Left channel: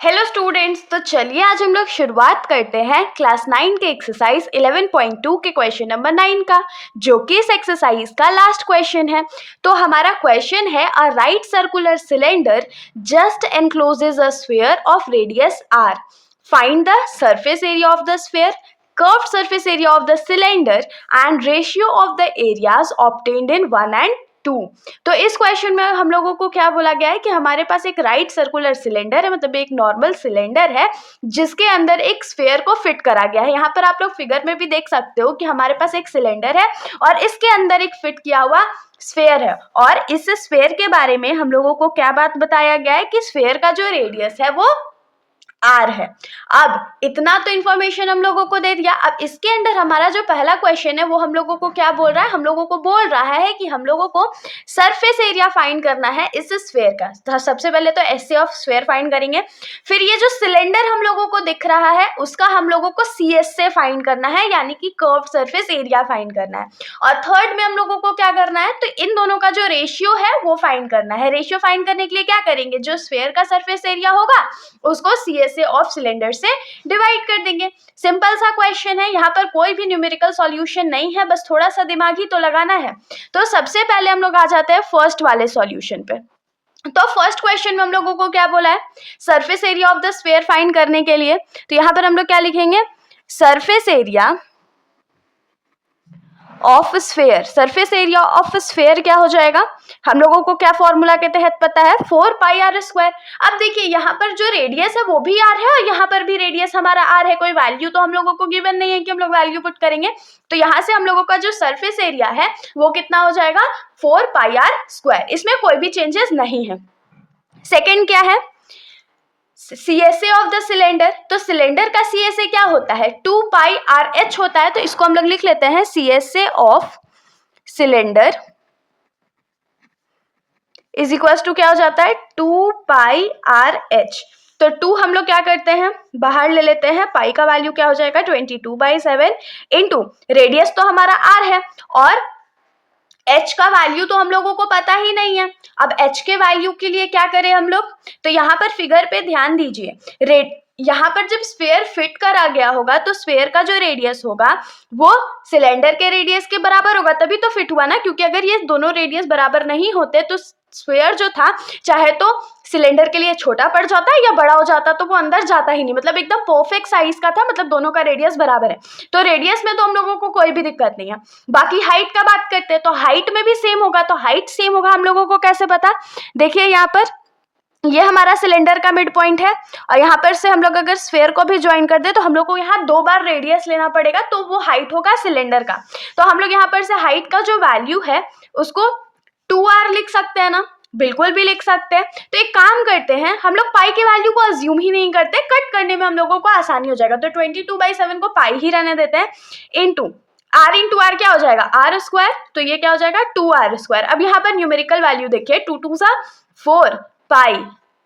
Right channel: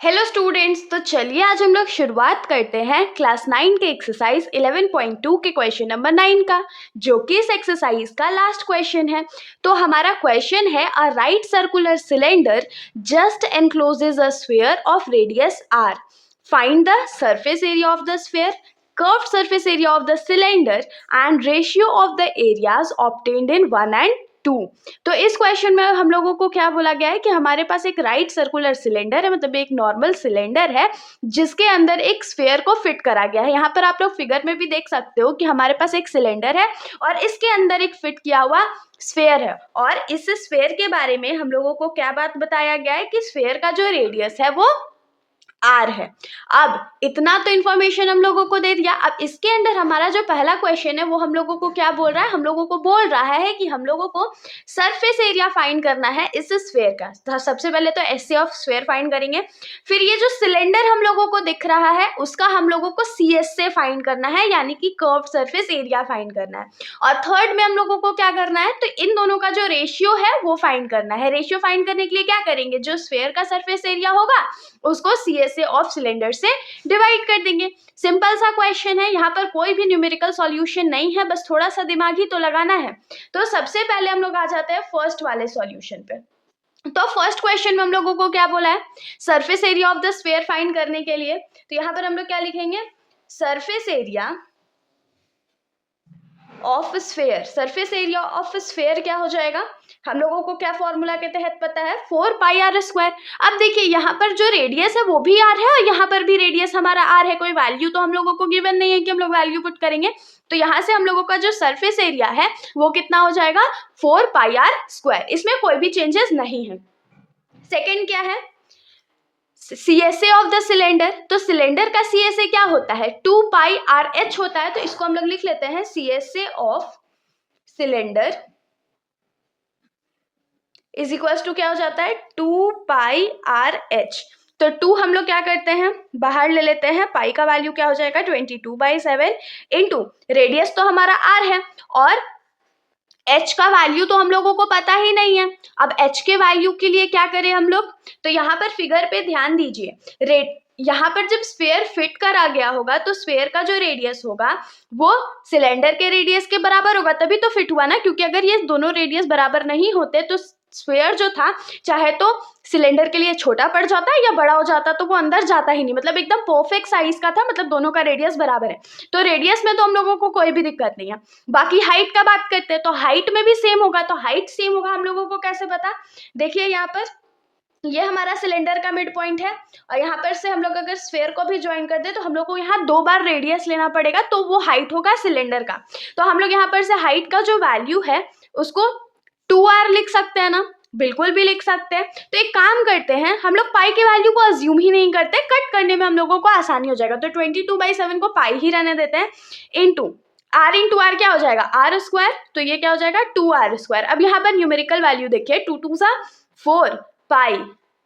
Hello students, तो चलिए आज हम लोग शुरुआत करते हैं क्लास 9 के एक्सरसाइज 11.2 के क्वेश्चन नंबर 9 का, जो कि इस एक्सरसाइज का लास्ट क्वेश्चन है। तो हमारा क्वेश्चन है, a right circular cylinder just encloses a sphere of radius r, find the surface area of the sphere, curved surface area of the cylinder and ratio of the areas obtained in 1 and 2। तो इस question में हम लोगों को क्या बोला गया है कि हमारे पास एक राइट सर्कुलर सिलेंडर है, मतलब एक नॉर्मल सिलेंडर है जिसके अंदर एक स्फीयर को फिट करा गया है। यहाँ पर आप लोग फिगर में भी देख सकते हो कि हमारे पास एक सिलेंडर है और इसके अंदर एक फिट किया हुआ स्फीयर है। और इस स्फीयर के बारे में हम लोगों को क्या बात बताया गया है कि स्फीयर का जो रेडियस है वो आर है। अब इतना तो इन्फॉर्मेशन हम लोगों को दे दिया। अब इसके अंदर हमारा जो पहला क्वेश्चन है वो हम लोगों को क्या बोल रहा है, हम लोगों को बोल रहा है कि हम लोगों को सरफेस एरिया फाइंड करना है इस स्फीयर का। तो सबसे पहले तो एसए ऑफ स्फीयर फाइंड करेंगे, फिर ये जो सिलेंडर हम लोगों को दिख रहा है उसका हम लोगों को सीएस से फाइंड करना है, यानी कि कर्व्ड सरफेस एरिया फाइंड करना है। और थर्ड में हम लोगों को क्या करना है, तो इन दोनों का जो रेशियो है वो फाइंड करना है। रेशियो फाइंड करने के लिए क्या करेंगे, जो स्फीयर का सरफेस एरिया होगा उसको सीएस ऑफ सिलेंडर से डिवाइड कर देंगे। सिंपल सा क्वेश्चन है, यहाँ पर कोई भी न्यूमेरिकल सॉल्यूशन नहीं है, बस थोड़ा सा दिमाग ही तो लगाना है। तो सबसे पहले हम लोग आ जाते हैं फर्स्ट वाले सॉल्यूशन पे। तो फर्स्ट क्वेश्चन में हम लोगों को क्या बोला है, surface area of the sphere find करने के लिए। तो यहाँ पर हम लोग क्या लिखेंगे, surface area of sphere. Surface area of sphere क्या हो जाएगा, हम लोगों को क्या फॉर्मूला के तहत पता है, 4 पाई आर स्क्वायर। अब देखिए यहाँ पर जो रेडियस है वो भी आर है और यहाँ पर भी रेडियस हमारा आर है। कोई वैल्यू तो हम लोगों को गिवन नहीं है कि हम लोग वैल्यू पुट करेंगे। तो यहाँ से हम लोगों का जो सरफेस एरिया है वो कितना हो जाएगा, 4 पाई आर स्क्वायर। इसमें कोई भी चेंजेस नहीं है। सेकेंड क्या है, CSA ऑफ द सिलेंडर। तो सिलेंडर का CSA क्या होता है, 2 पाई आर एच होता है। तो इसको हम लोग लिख लेते हैं CSA of cylinder is equal to क्या हो जाता है, 2 पाई आर एच। तो 2 हम लोग क्या करते हैं, बाहर ले लेते हैं, पाई का वैल्यू क्या हो जाएगा 22/7 इंटू रेडियस तो हमारा आर है और h का वैल्यू तो हम लोगों को पता ही नहीं है। अब h के वैल्यू के लिए क्या करें हम लोग, तो यहाँ पर फिगर पे ध्यान दीजिए। यहाँ पर जब स्फीयर फिट करा गया होगा तो स्फीयर का जो रेडियस होगा वो सिलेंडर के रेडियस के बराबर होगा, तभी तो फिट हुआ ना। क्योंकि अगर ये दोनों रेडियस बराबर नहीं होते तो स्फीयर जो था चाहे तो सिलेंडर के लिए छोटा पड़ जाता या बड़ा हो जाता, तो वो अंदर जाता ही नहीं। मतलब एकदम परफेक्ट साइज का था, मतलब दोनों का रेडियस बराबर है। तो रेडियस में तो हम लोगों को कोई भी दिक्कत नहीं है। बाकी हाइट का बात करते हैं तो हाइट में भी सेम होगा। तो हाइट सेम होगा हम लोगों को कैसे पता, देखिए यहाँ पर ये हमारा सिलेंडर का मिड पॉइंट है और यहाँ पर से हम लोग अगर स्फीयर को भी ज्वाइन कर दे तो हम लोग को यहाँ 2 बार रेडियस लेना पड़ेगा, तो वो हाइट होगा सिलेंडर का। तो हम लोग यहाँ पर से हाइट का जो वैल्यू है उसको 2r लिख सकते हैं ना, बिल्कुल भी लिख सकते हैं। तो एक काम करते हैं, हम लोग पाई के वैल्यू को अज्यूम ही नहीं करते, कट करने में हम लोगों को आसानी हो जाएगा। तो 22/7 को पाई ही रहने देते हैं, इंटू r क्या हो जाएगा, आर स्क्वायर। तो ये क्या हो जाएगा 2r स्क्वायर। अब यहाँ पर न्यूमेरिकल वैल्यू देखिए, 2 2 सा 4 पाई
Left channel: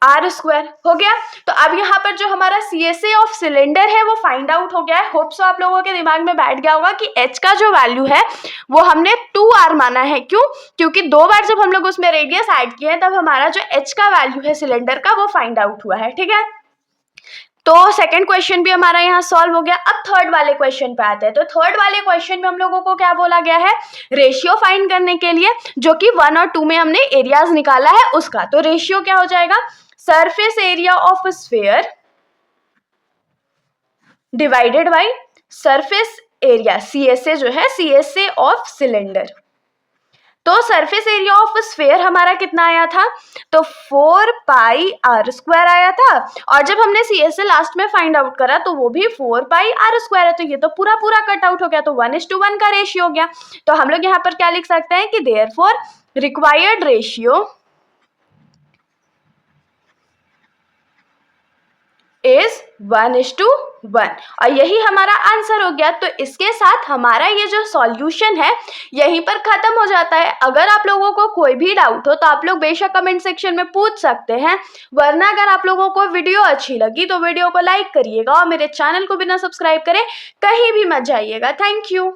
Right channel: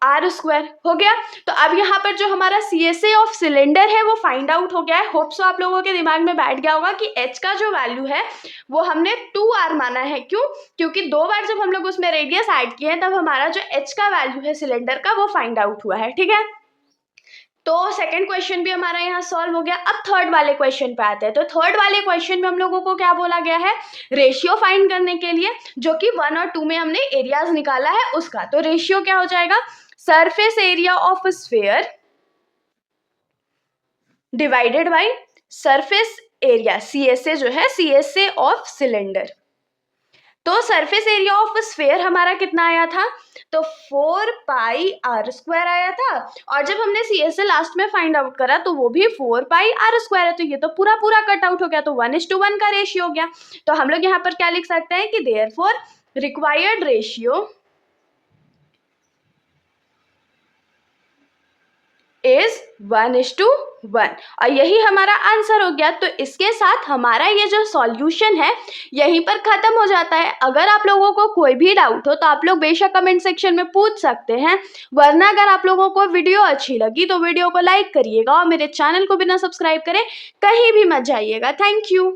आर स्क्वायर हो गया। तो अब यहाँ पर जो हमारा CSA ऑफ सिलेंडर है वो फाइंड आउट हो गया है। होप सो आप लोगों के दिमाग में बैठ गया होगा कि h का जो वैल्यू है वो हमने 2r माना है। क्यों, क्योंकि 2 बार जब हम लोग उसमें रेडियस ऐड किए हैं तब हमारा जो h का वैल्यू है सिलेंडर का वो फाइंड आउट हुआ है। ठीक है, तो सेकंड क्वेश्चन भी हमारा यहाँ सॉल्व हो गया। अब थर्ड वाले क्वेश्चन पे आते हैं। तो थर्ड वाले क्वेश्चन में हम लोगों को क्या बोला गया है, रेशियो फाइंड करने के लिए, जो कि 1 और 2 में हमने एरियाज निकाला है उसका। तो रेशियो क्या हो जाएगा, surface area of sphere divided by surface area CSA जो है CSA ऑफ सिलेंडर। तो सरफेस एरिया ऑफ स्फीयर हमारा कितना आया था, तो 4 पाई आर स्क्वायर आया था। और जब हमने CSA लास्ट में फाइंड आउट करा तो वो भी 4 पाई आर स्क्वायर है। तो ये तो पूरा कट आउट हो गया, तो 1:1 का रेशियो हो गया। तो हम लोग यहाँ पर क्या लिख सकते हैं कि देयरफॉर रिक्वायर्ड रेशियो इज 1:1 और यही हमारा आंसर हो गया। तो इसके साथ हमारा ये जो सॉल्यूशन है यहीं पर खत्म हो जाता है। अगर आप लोगों को कोई भी डाउट हो तो आप लोग बेशक कमेंट सेक्शन में पूछ सकते हैं, वरना अगर आप लोगों को वीडियो अच्छी लगी तो वीडियो को लाइक करिएगा और मेरे चैनल को बिना सब्सक्राइब करे कहीं भी मत जाइएगा। Thank you.